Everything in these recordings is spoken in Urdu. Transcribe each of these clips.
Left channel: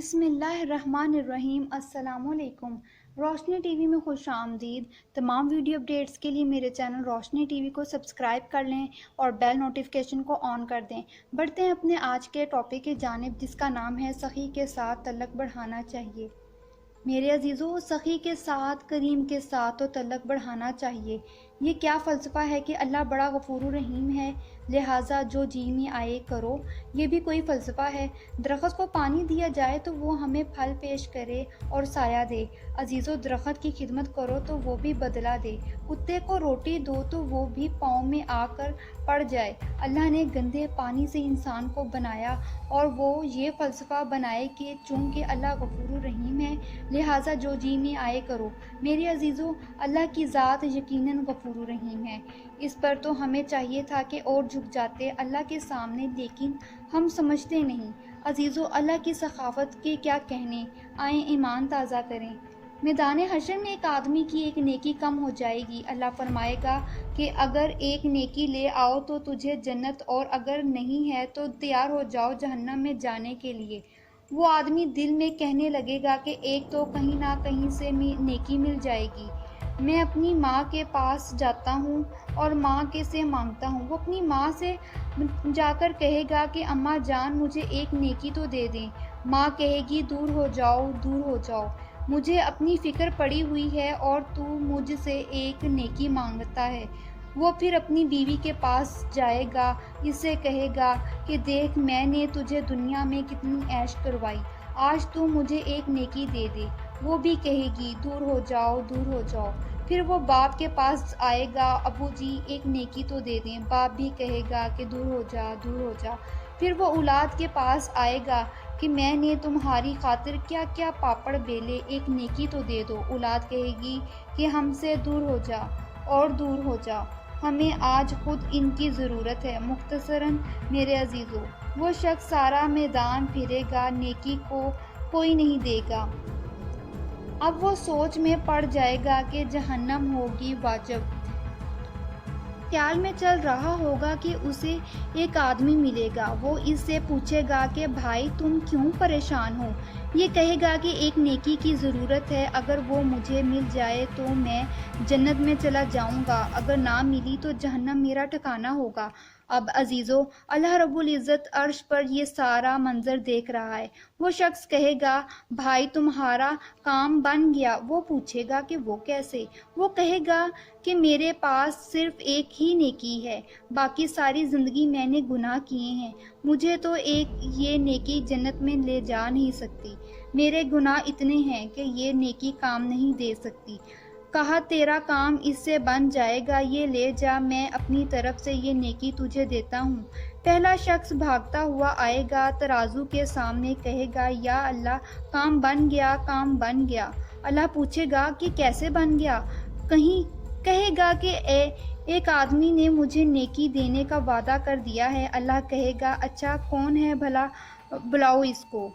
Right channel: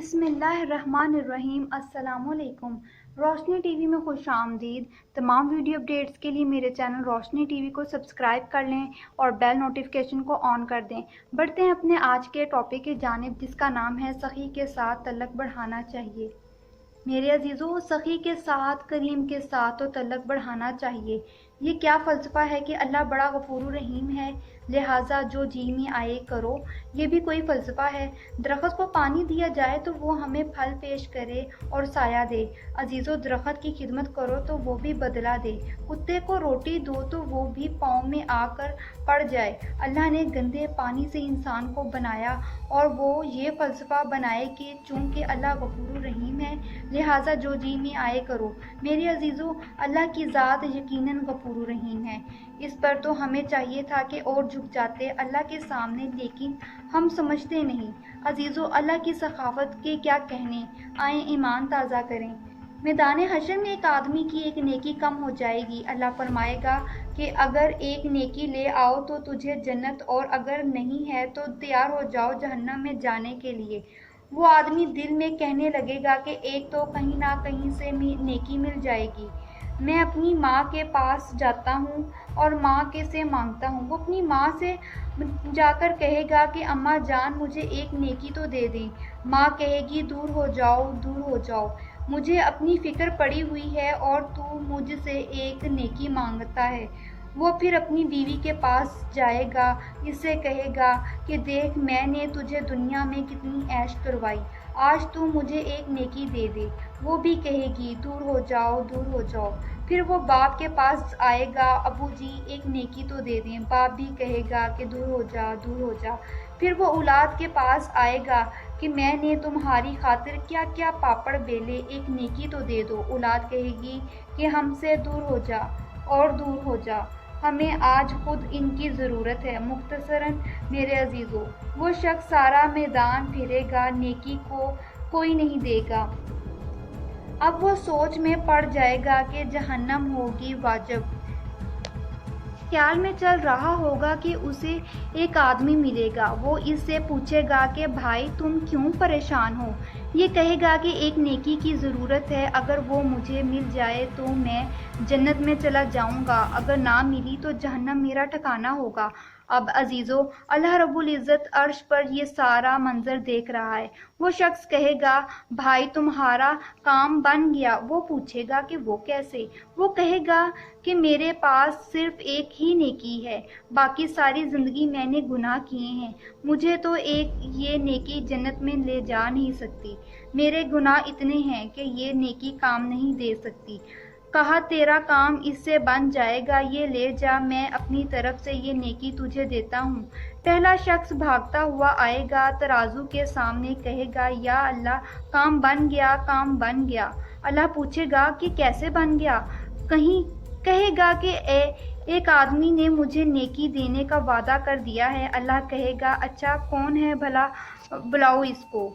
بسم اللہ الرحمن الرحیم۔ السلام علیکم۔ روشنی ٹی وی میں خوش آمدید۔ تمام ویڈیو اپڈیٹس کے لیے میرے چینل روشنی ٹی وی کو سبسکرائب کر لیں اور بیل نوٹیفیکیشن کو آن کر دیں۔ بڑھتے ہیں اپنے آج کے ٹاپک کی جانب، جس کا نام ہے سخی کے ساتھ تعلق بڑھانا چاہیے۔ میرے عزیزو، سخی کے ساتھ، کریم کے ساتھ تو تعلق بڑھانا چاہیے۔ یہ کیا فلسفہ ہے کہ اللہ بڑا غفور و رحیم ہے، لہٰذا جو جی میں آئے کرو؟ یہ بھی کوئی فلسفہ ہے؟ درخت کو پانی دیا جائے تو وہ ہمیں پھل پیش کرے اور سایہ دے۔ عزیزو، درخت کی خدمت کرو تو وہ بھی بدلہ دے۔ کتے کو روٹی دو تو وہ بھی پاؤں میں آ کر پڑ جائے۔ اللہ نے گندے پانی سے انسان کو بنایا اور وہ یہ فلسفہ بنائے کہ چونکہ اللہ غفور الرحیم ہے لہٰذا جو جی میں آئے کرو۔ میرے عزیزو، اللہ کی ذات یقیناً غفور الرحیم ہے۔ اس پر تو ہمیں چاہیے تھا کہ اور جھک جاتے اللہ کے سامنے، لیکن ہم سمجھتے نہیں۔ عزیزو، اللہ کی سخاوت کے کیا کہنے، آئیں ایمان تازہ کریں۔ میدان حشر میں ایک آدمی کی ایک نیکی کم ہو جائے گی۔ اللہ فرمائے گا کہ اگر ایک نیکی لے آؤ تو تجھے جنت، اور اگر نہیں ہے تو تیار ہو جاؤ جہنم میں جانے کے لیے۔ وہ آدمی دل میں کہنے لگے گا کہ ایک تو کہیں نہ کہیں سے نیکی مل جائے گی۔ میں اپنی ماں کے پاس جاتا ہوں اور ماں کے سے مانگتا ہوں۔ وہ اپنی ماں سے جا کر کہے گا کہ اماں جان مجھے ایک نیکی تو دے دیں۔ ماں کہے گی دور ہو جاؤ، دور ہو جاؤ، مجھے اپنی فکر پڑی ہوئی ہے اور تو مجھ سے ایک نیکی مانگتا ہے۔ وہ پھر اپنی بیوی کے پاس جائے گا، اس سے کہے گا کہ دیکھ میں نے تجھے دنیا میں کتنی عیش کروائی، آج تو مجھے ایک نیکی دے دے۔ وہ بھی کہے گی دور ہو جاؤ، دور ہو جاؤ۔ پھر وہ باپ کے پاس آئے گا، ابو جی ایک نیکی تو دے دیں۔ باپ بھی کہے گا کہ دور ہو جا، دور ہو جا۔ پھر وہ اولاد کے پاس آئے گا کہ میں نے تمہاری خاطر کیا کیا پاپڑ بیلے، ایک نیکی تو دے دو۔ اولاد کہے گی کہ ہم سے دور ہو جا اور دور ہو جا، ہمیں آج خود ان کی ضرورت ہے۔ مختصراً میرے عزیزو، وہ شخص سارا میدان پھرے گا، نیکی کو کوئی نہیں دے گا۔ اب وہ سوچ میں پڑ جائے گا کہ جہنم ہوگی واجب۔ خیال میں چل رہا ہوگا کہ اسے ایک آدمی ملے گا۔ وہ اس سے پوچھے گا کہ بھائی تم کیوں پریشان ہو؟ یہ کہے گا کہ ایک نیکی کی ضرورت ہے، اگر وہ مجھے مل جائے تو میں جنت میں چلا جاؤں گا، اگر نہ ملی تو جہنم میرا ٹھکانہ ہوگا۔ اب عزیزو، اللہ رب العزت عرش پر یہ سارا منظر دیکھ رہا ہے۔ وہ شخص کہے گا بھائی تمہارا کام بن گیا۔ وہ پوچھے گا کہ وہ کیسے؟ وہ کہے گا کہ میرے پاس صرف ایک ہی نیکی ہے، باقی ساری زندگی میں نے گناہ کیے ہیں، مجھے تو ایک یہ نیکی جنت میں لے جا نہیں سکتی، میرے گناہ اتنے ہیں کہ یہ نیکی کام نہیں دے سکتی۔ کہا تیرا کام اس سے بن جائے گا، یہ لے جا، میں اپنی طرف سے یہ نیکی تجھے دیتا ہوں۔ پہلا شخص بھاگتا ہوا آئے گا، ترازو کے سامنے کہے گا یا اللہ کام بن گیا، کام بن گیا۔ اللہ پوچھے گا کہ کیسے بن گیا؟ کہے گا کہ ایک آدمی نے مجھے نیکی دینے کا وعدہ کر دیا ہے۔ اللہ کہے گا اچھا کون ہے بھلا، بلاؤ اس کو۔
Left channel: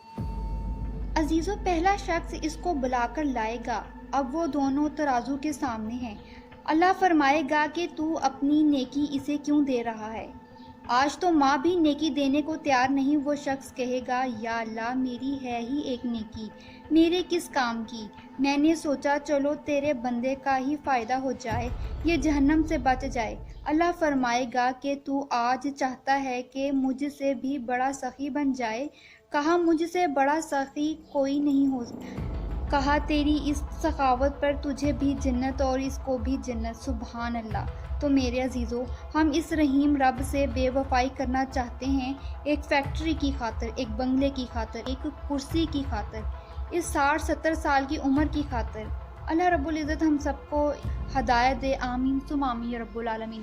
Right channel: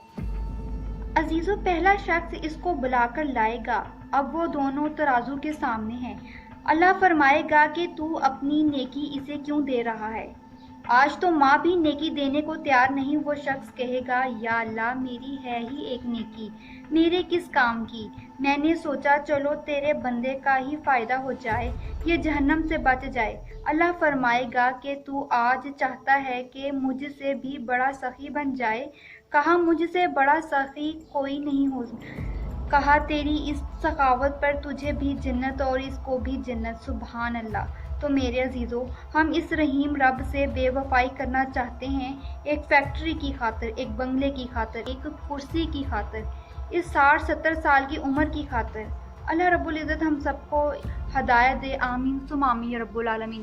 عزیزو، پہلا شخص اس کو بلا کر لائے گا۔ اب وہ دونوں ترازو کے سامنے ہیں۔ اللہ فرمائے گا کہ تو اپنی نیکی اسے کیوں دے رہا ہے؟ آج تو ماں بھی نیکی دینے کو تیار نہیں۔ وہ شخص کہے گا یا اللہ میری ہے ہی ایک نیکی، میرے کس کام کی؟ میں نے سوچا چلو تیرے بندے کا ہی فائدہ ہو جائے، یہ جہنم سے بچ جائے۔ اللہ فرمائے گا کہ تو آج چاہتا ہے کہ مجھ سے بھی بڑا سخی بن جائے؟ کہا مجھ سے بڑا سخی کوئی نہیں ہو۔ کہا تیری اس سخاوت پر تجھے بھی جنت اور اس کو بھی جنت۔ سبحان اللہ۔ تو میرے عزیزو، ہم اس رحیم رب سے بے وفائی کرنا چاہتے ہیں ایک فیکٹری کی خاطر، ایک بنگلے کی خاطر، ایک کرسی کی خاطر، اس 60-70 سال کی عمر کی خاطر؟ اللہ رب العزت ہم سب کو ہدایت دے، آمین ثم آمین یا رب العالمین۔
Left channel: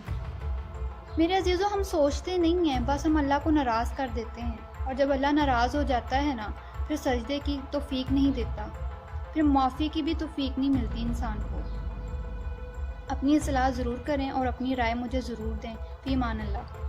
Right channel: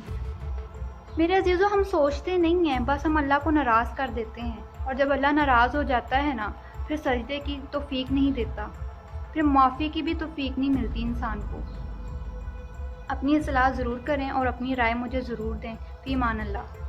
میرے عزیزو، ہم سوچتے نہیں ہیں، بس ہم اللہ کو ناراض کر دیتے ہیں، اور جب اللہ ناراض ہو جاتا ہے نا، پھر سجدے کی توفیق نہیں دیتا، پھر معافی کی بھی توفیق نہیں ملتی انسان کو۔ اپنی اصلاح ضرور کریں اور اپنی رائے مجھے ضرور دیں۔ فی امان اللہ۔